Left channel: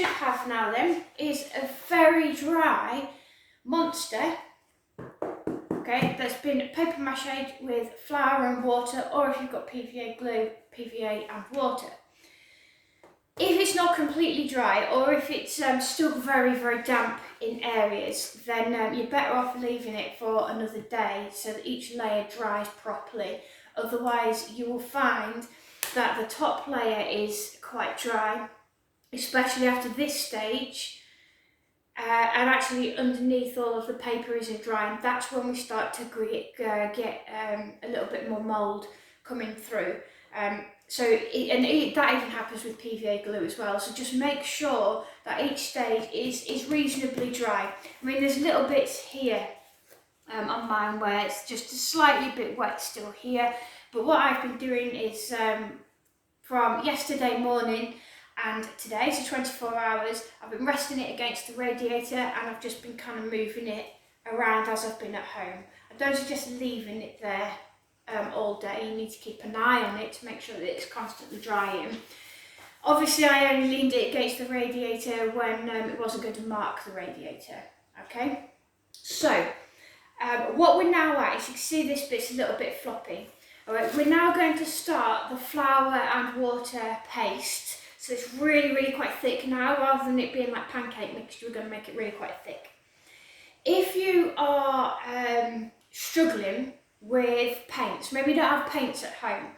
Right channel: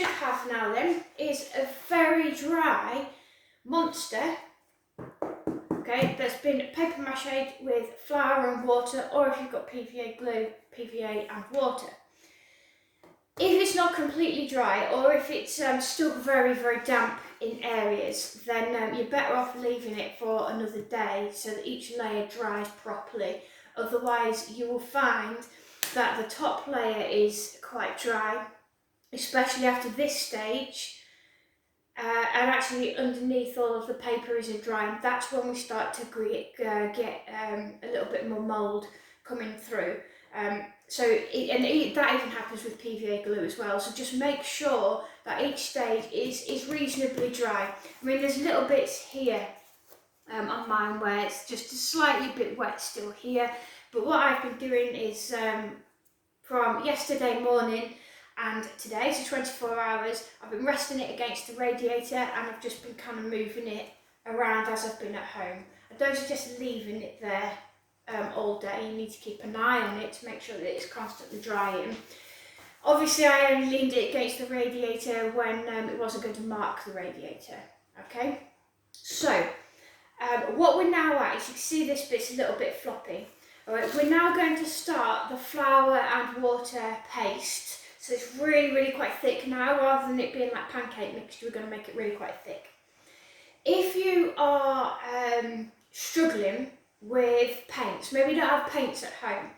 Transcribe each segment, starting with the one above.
should have now then is a very dry monster, okay, that's been paper mache with flour and water, or if you've got PVA glue, PVA and water. If it's not completely dry, or if it's still very, very damp in areas, then you're better off leaving it for another day so that each layer dries properly. Otherwise, you will find that the top layer is quite dry, especially after this stage, and actually underneath all of the paper isn't dry, and that's when we start to get a little bit more mould coming through. That even happens with PVA glue as well, so just make sure that each stage is reasonably dry. I mean, there's little bits here on mine where it's just a slightly bit wet still here, but what I've been doing is from yesterday morning and today, so 24 hours, I've been resting it against the radiator, and I've just been kind of moving it around as I've been at home. I don't suggest leaving it there all day. You need to keep an eye on it to make sure that it's constantly drying. Obviously, I only leaned it against the radiator when it wasn't going to mark the radiator. Okay, so what we're now at is, you can see this bit's a little bit floppy. All right, we're now going to start the flour and water paste. So it's really, really quite thick now. Rather than it being like pancake mixture, we're going to make it really quite thick. If you are struggling with paints, maybe you don't have paints at home,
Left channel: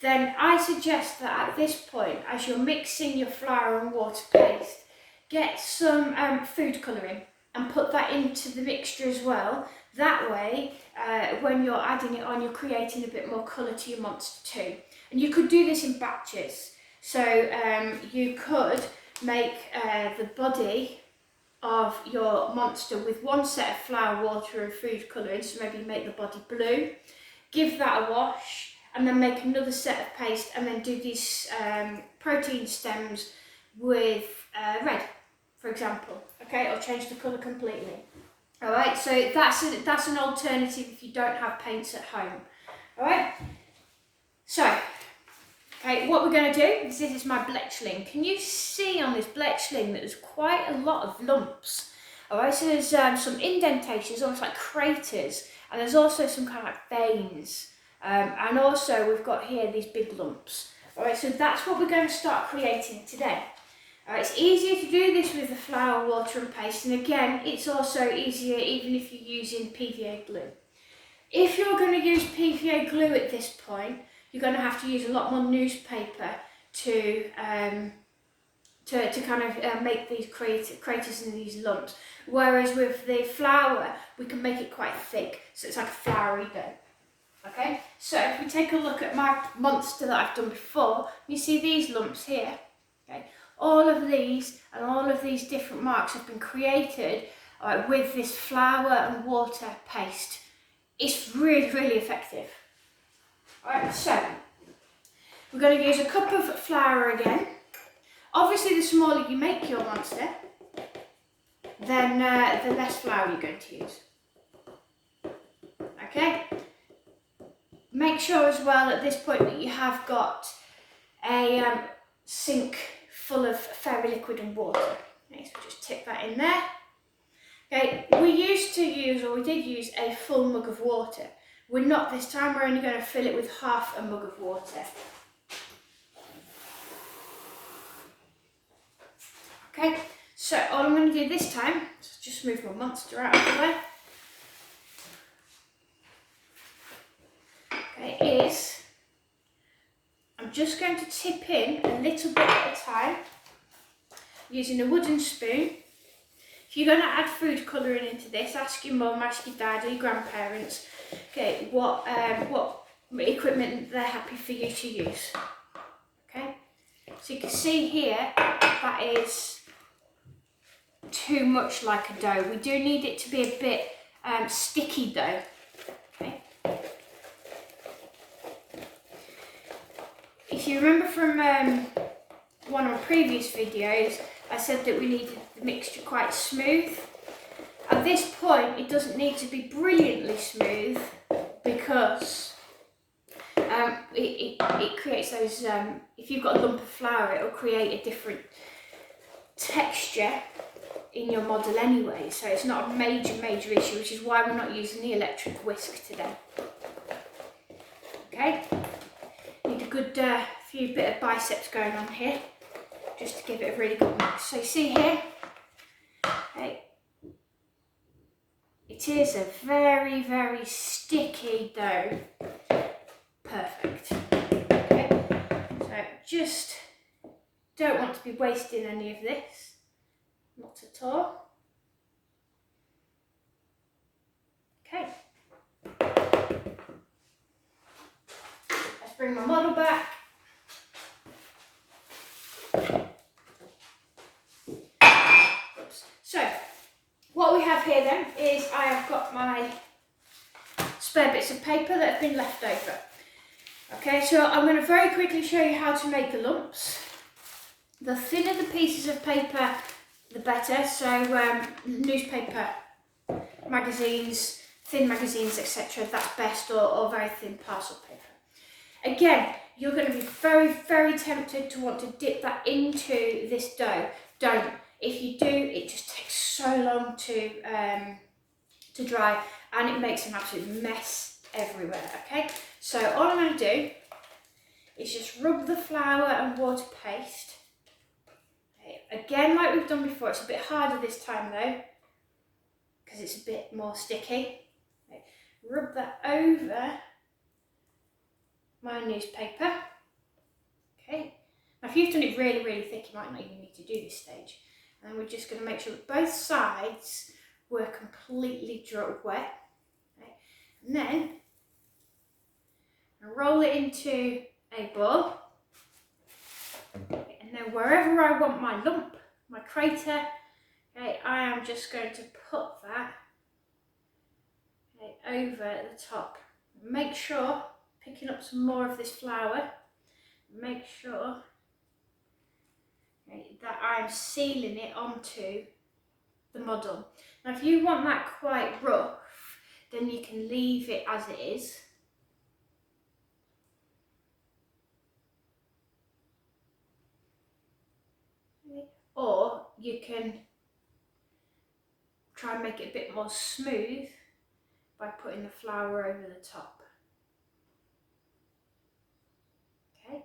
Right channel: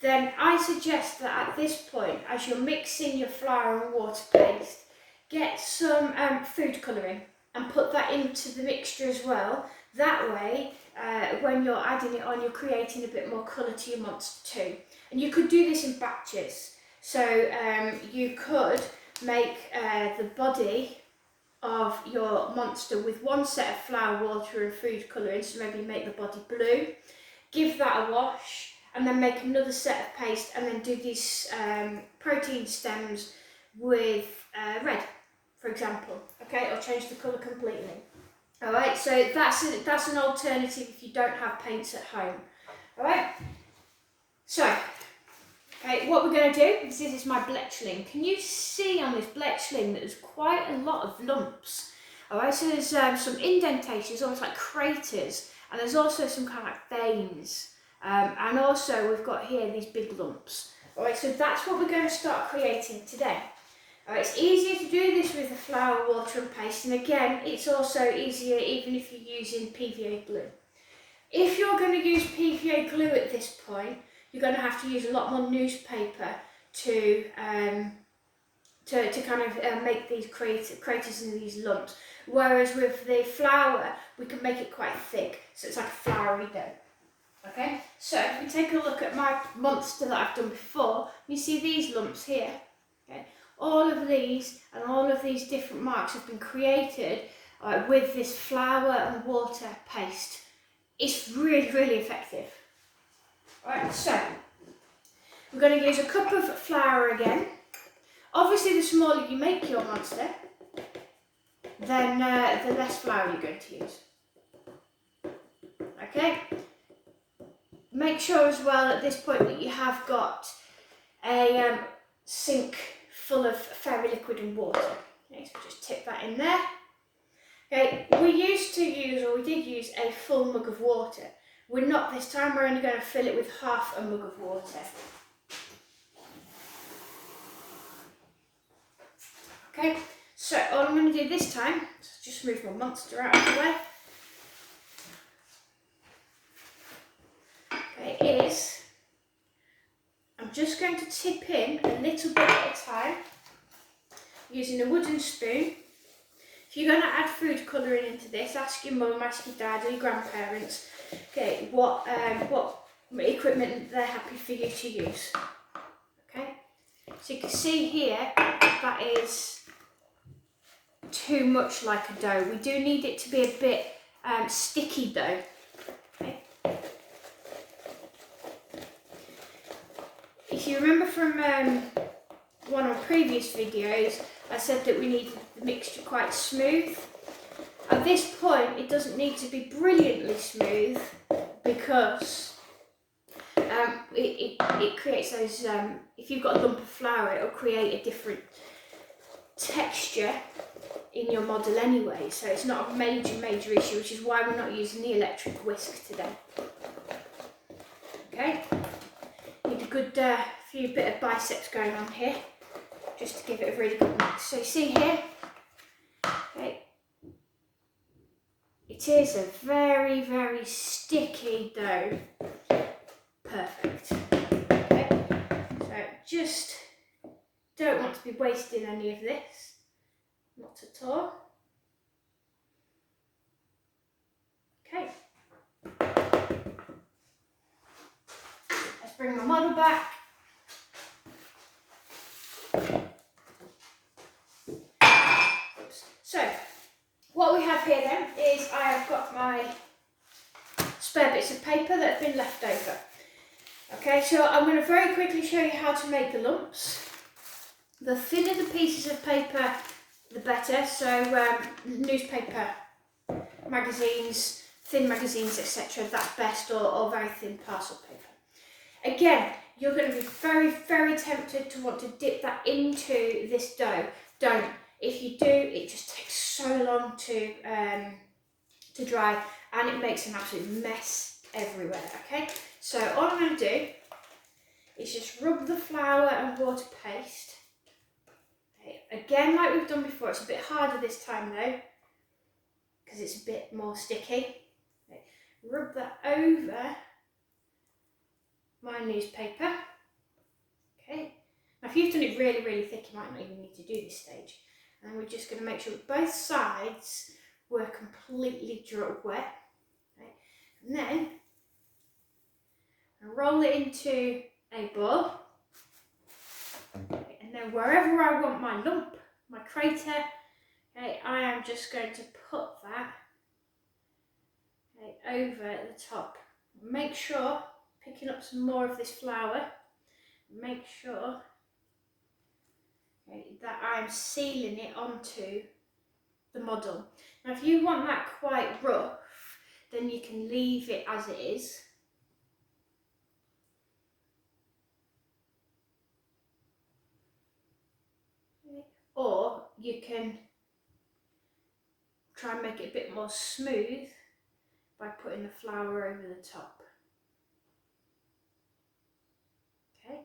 then I suggest that at this point, as you're mixing your flour and water paste, get some food colouring and put that into the mixture as well. That way, when you're adding it on, you're creating a bit more colour to your monster too. And you could do this in batches. So you could make the body of your monster with one set of flour, water and food colouring, so maybe make the body blue, give that a wash, and then make another set of paste, and then do these protein stems with red, for example, okay, or change the colour completely. Alright, so that's an alternative if you don't have paints at home. Alright, so okay, what we're going to do is, this is my bletchling. Can you see on this bletchling that there's quite a lot of lumps? Alright, so there's some indentations, almost like craters, and there's also some kind of like veins. And also we've got here these big lumps. Alright, so that's what we're going to start creating today. It's easier to do this with the flour, water and paste, and again, it's also easier even if you're using PVA glue. If you're going to use PVA glue at this point, you're going to have to use a lot more newspaper to kind of make these craters and these lumps. Whereas with the flour, we can make it quite thick, so it's like a floury dough. Okay, so if we take a look at my monster that I've done before, you see these lumps here. Okay, all of these and all of these different marks have been created with this flour and water paste. It's really, really effective. Alright, so we're going to use a cup of flour again. Obviously, the smaller you make your monster, then the less flour you're going to use. Okay? Make sure as well at this point that you have got a sink full of fairy liquid and water. Okay, so just tip that in there. Okay, we did use a full mug of water. We're not this time, we're only going to fill it with half a mug of water. Okay, so all I'm going to do this time, just move my monster out of the way, okay, is I'm just going to tip in a little bit at a time using a wooden spoon. If you're going to add food colouring into this, ask your mum, ask your dad or your grandparents, okay, what equipment they're happy for you to use. Okay, so you can see here that is too much like a dough. We do need it to be a bit sticky dough. Okay. If you remember from one of my previous videos, I said that we needed the mixture quite smooth. At this point, it doesn't need to be brilliantly smooth because it creates those, if you've got a lump of flour, it'll create a different texture in your model anyway, so it's not a major issue, which is why we're not using the electric whisk today. Okay, need a good few bit of biceps going on here, just to give it a really good mix. So you see here, okay, it is a very sticky dough. Perfect. Okay, so just don't want to be wasting any of this, not at all. Okay, let's bring the model back. Oops. So what we have here then is I have got my spare bits of paper that have been left over. Okay, so I'm going to very quickly show you how to make the lumps. The thinner the pieces of paper, the better. So newspaper, magazines, thin magazines, etc. That's best, or very thin parcel paper. Again, you're going to be very tempted to want to dip that into this dough. Don't. If you do, it just takes so long to dry, and it makes an absolute mess everywhere. Okay, so all I'm going to do is just rub the flour and water paste. Okay. Again, like we've done before, it's a bit harder this time though, because it's a bit more sticky. Okay. Rub that over my newspaper. Okay. Now if you've done it really thick, you might not even need to do this stage. And we're just going to make sure that both sides were completely wet. Okay. And then I'll roll it into a ball. Okay. And then wherever I want my lump, my crater, okay, I am just going to put that, okay, over the top. Make sure, picking up some more of this flour, make sure, okay, that I am sealing it onto the model. Now if you want that quite rough, then you can leave it as it is. Okay. Or you can try and make it a bit more smooth by putting the flour over the top. Okay.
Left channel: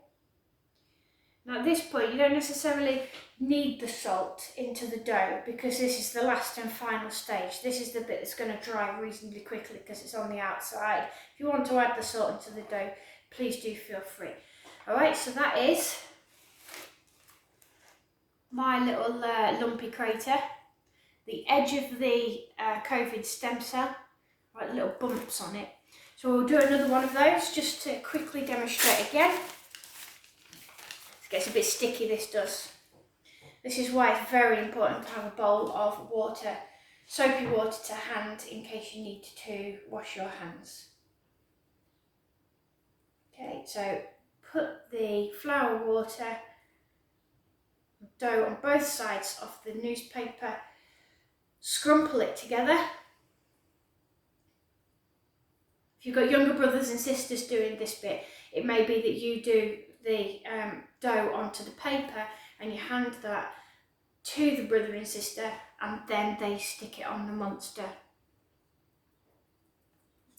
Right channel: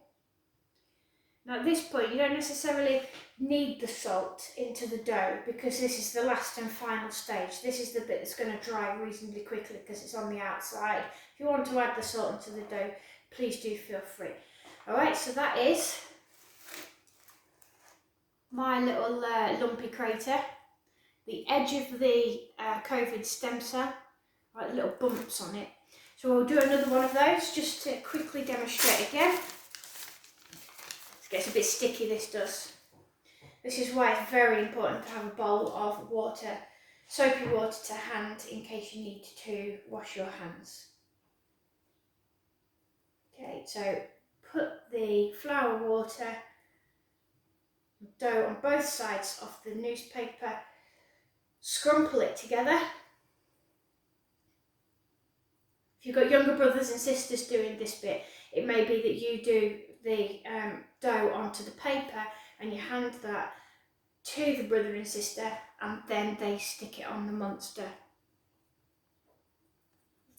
Now at this point you don't necessarily need the salt into the dough, because this is the last and final stage. This is the bit that's going to dry reasonably quickly because it's on the outside. If you want to add the salt into the dough, please do feel free. Alright, so that is my little lumpy crater. The edge of the COVID stem cell, right, little bumps on it. So we'll do another one of those just to quickly demonstrate again. It gets a bit sticky, this does. This is why it's very important to have a bowl of water, soapy water to hand, in case you need to wash your hands. Okay, so put the flour, water, dough on both sides of the newspaper, scrumple it together. If you've got younger brothers and sisters doing this bit, it may be that you do the dough onto the paper and you hand that to the brother and sister, and then they stick it on the monster.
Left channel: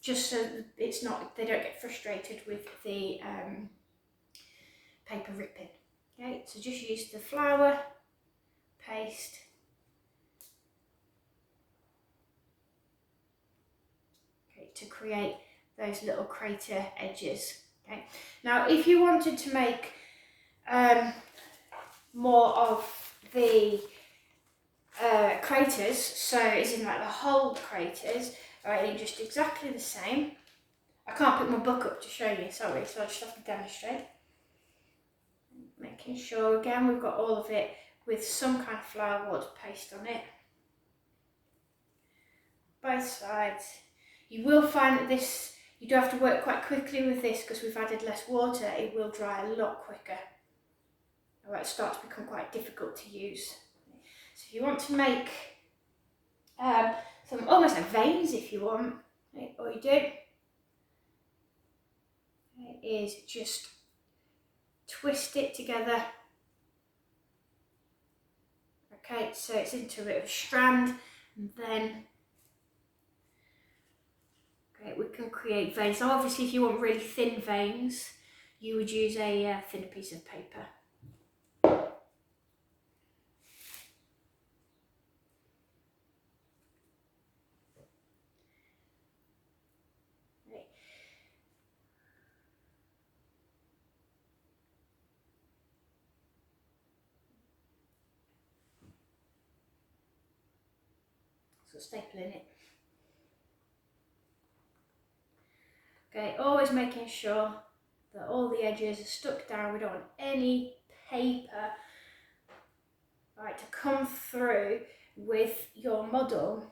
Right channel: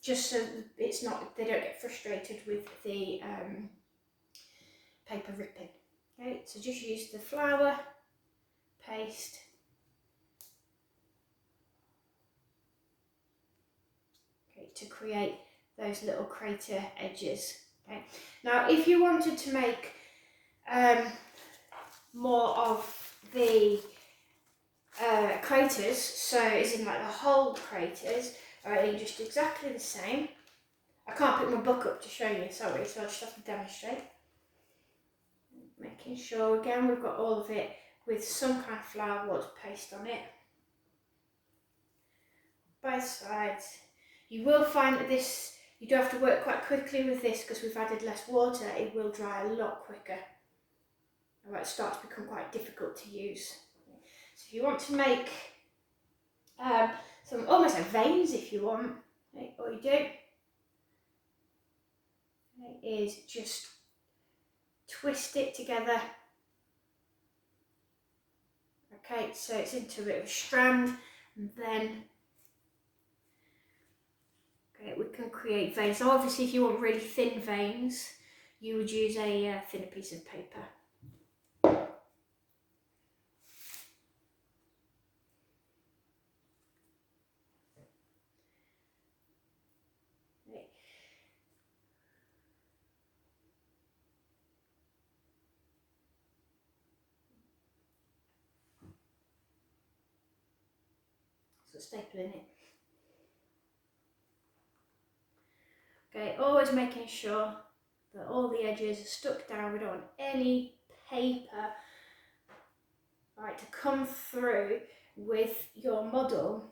Just so it's not, they don't get frustrated with the paper ripping. Okay, so just use the flour, paste, okay, to create those little crater edges. Okay. Now if you wanted to make more of the craters, so as in like the whole craters, alright, then just exactly the same. I can't put my book up to show you, sorry, so I just have to demonstrate. Making sure again we've got all of it with some kind of flour water paste on it. Both sides. You will find that this, you do have to work quite quickly with this because we've added less water. It will dry a lot quicker. Alright, it starts to become quite difficult to use. So if you want to make some almost like veins, if you want, okay, all you do is just twist it together Okay, so it's into a bit of a strand, and then we can create veins. So obviously if you want really thin veins, you would use a thinner piece of paper. So stapling it. Okay, always making sure that all the edges are stuck down. We don't want any paper to come through with your model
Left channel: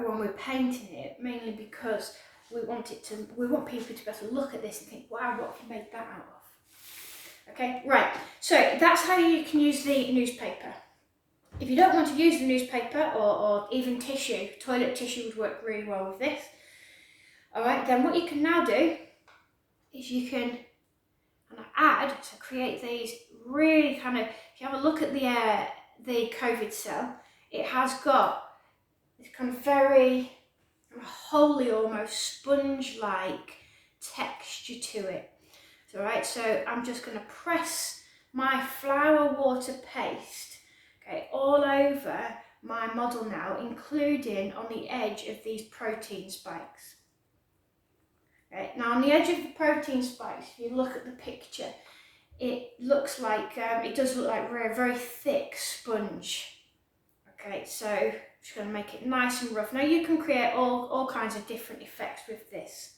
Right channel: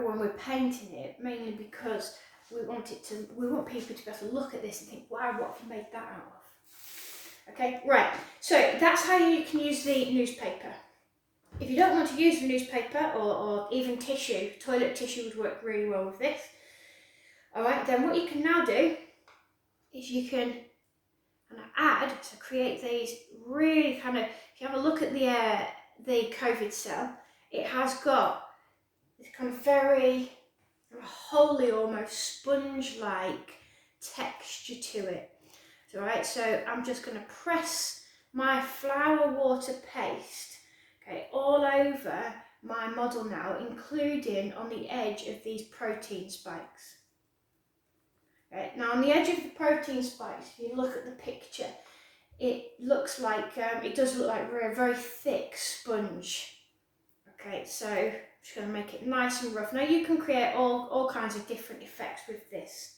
when we're painting it, mainly because we want people to be able to look at this and think, wow, what have you made that out of? Okay, right, so that's how you can use the newspaper. If you don't want to use the newspaper or even tissue, toilet tissue would work really well with this. Alright, then what you can now do is you can add to create these really kind of, if you have a look at the COVID cell, it has got this kind of very wholly almost sponge-like texture to it. Alright, so I'm just going to press my flour water paste all over my model now, including on the edge of these protein spikes. Now on the edge of the protein spikes, if you look at the picture, it looks like, it does look like a very thick sponge. Okay, so I'm just going to make it nice and rough. Now you can create all kinds of different effects with this.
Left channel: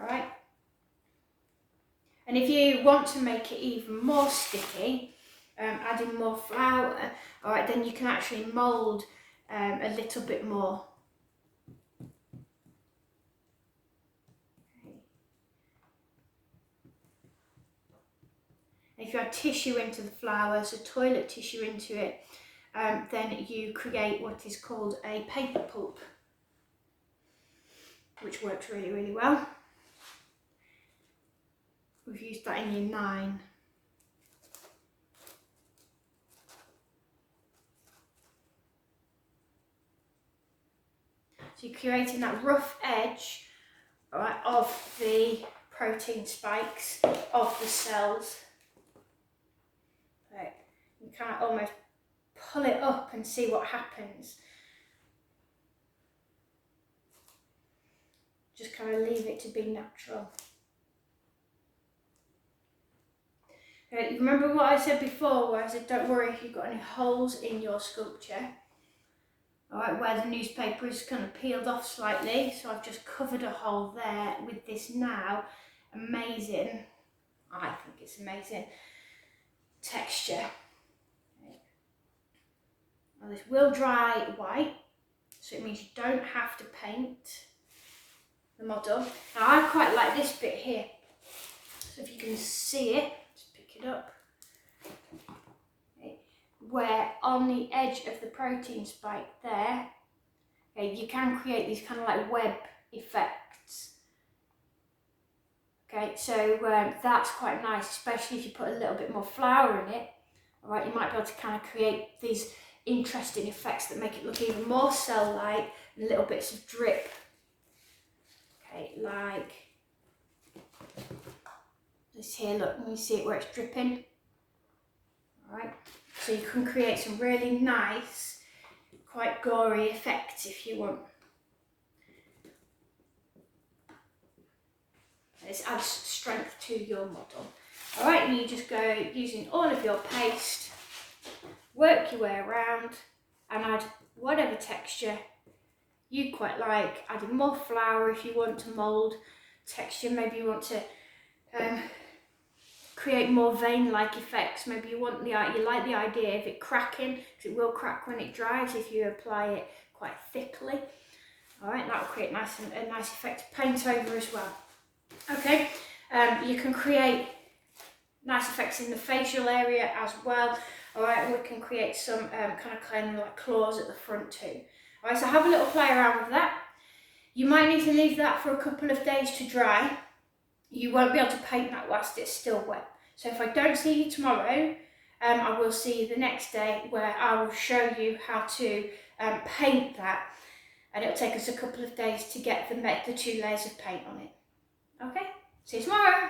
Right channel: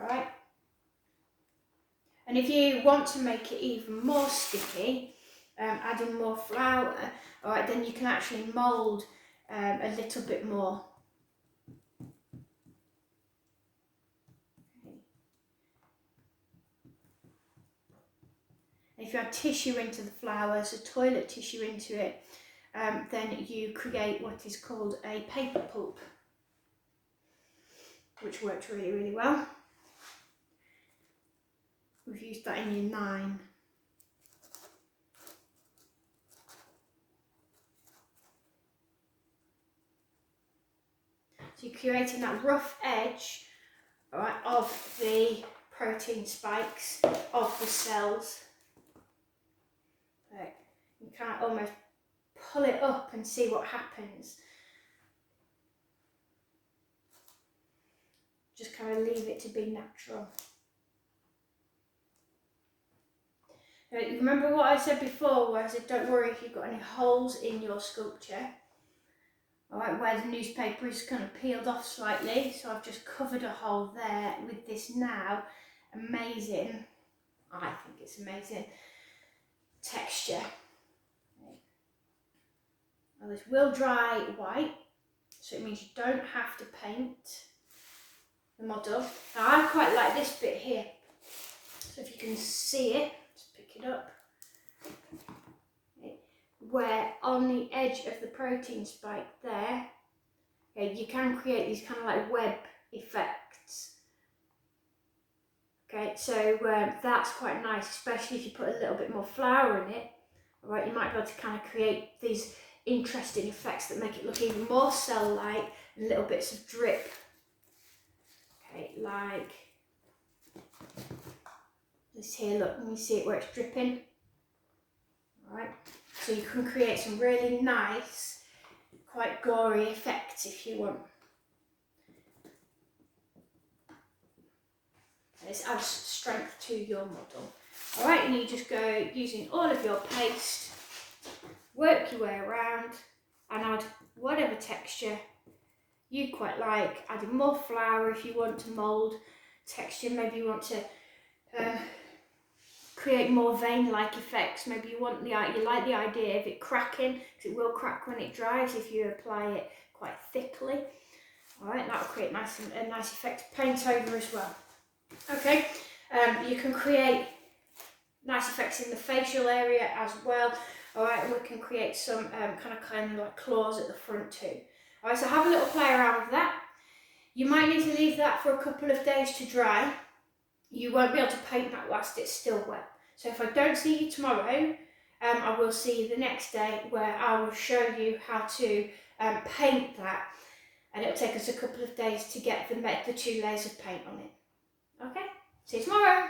Alright. And if you want to make it even more sticky, adding more flour, alright, then you can actually mould a little bit more. If you add tissue into the flour, so toilet tissue into it, then you create what is called a paper pulp, which works really, really well. We've used that in year 9. So you're creating that rough edge, right, of the protein spikes, of the cells. Right. You kind of almost pull it up and see what happens. Just kind of leave it to be natural. You remember what I said before, where I said don't worry if you've got any holes in your sculpture. Alright, where the newspaper is kind of peeled off slightly, so I've just covered a hole there with this now amazing, I think it's amazing, texture. Now this will dry white, so it means you don't have to paint the model. Now I quite like this bit here, so if you can see it, just pick it up. Where on the edge of the protein spike there, you can create these kind of like web effects. Okay, so that's quite nice, especially if you put a little bit more flour in it. Alright, you might be able to kind of create these interesting effects that make it look even more cell-like, and little bits of drip. Okay, like this here, look, can you see it where it's dripping? Alright. So you can create some really nice, quite gory effects if you want. This adds strength to your model. Alright, and you just go using all of your paste, work your way around and add whatever texture you quite like, adding more flour if you want to mould texture, maybe you want to create more vein-like effects. Maybe you like the idea of it cracking, because it will crack when it dries if you apply it quite thickly. Alright, that will create a nice effect. Paint over as well. Okay, you can create nice effects in the facial area as well. Alright, and we can create some kind of like claws at the front too. Alright, so have a little play around with that. You might need to leave that for a couple of days to dry. You won't be able to paint that whilst it's still wet. So if I don't see you tomorrow, I will see you the next day where I will show you how to paint that, and it'll take us a couple of days to get the 2 layers of paint on it. Okay, see you tomorrow.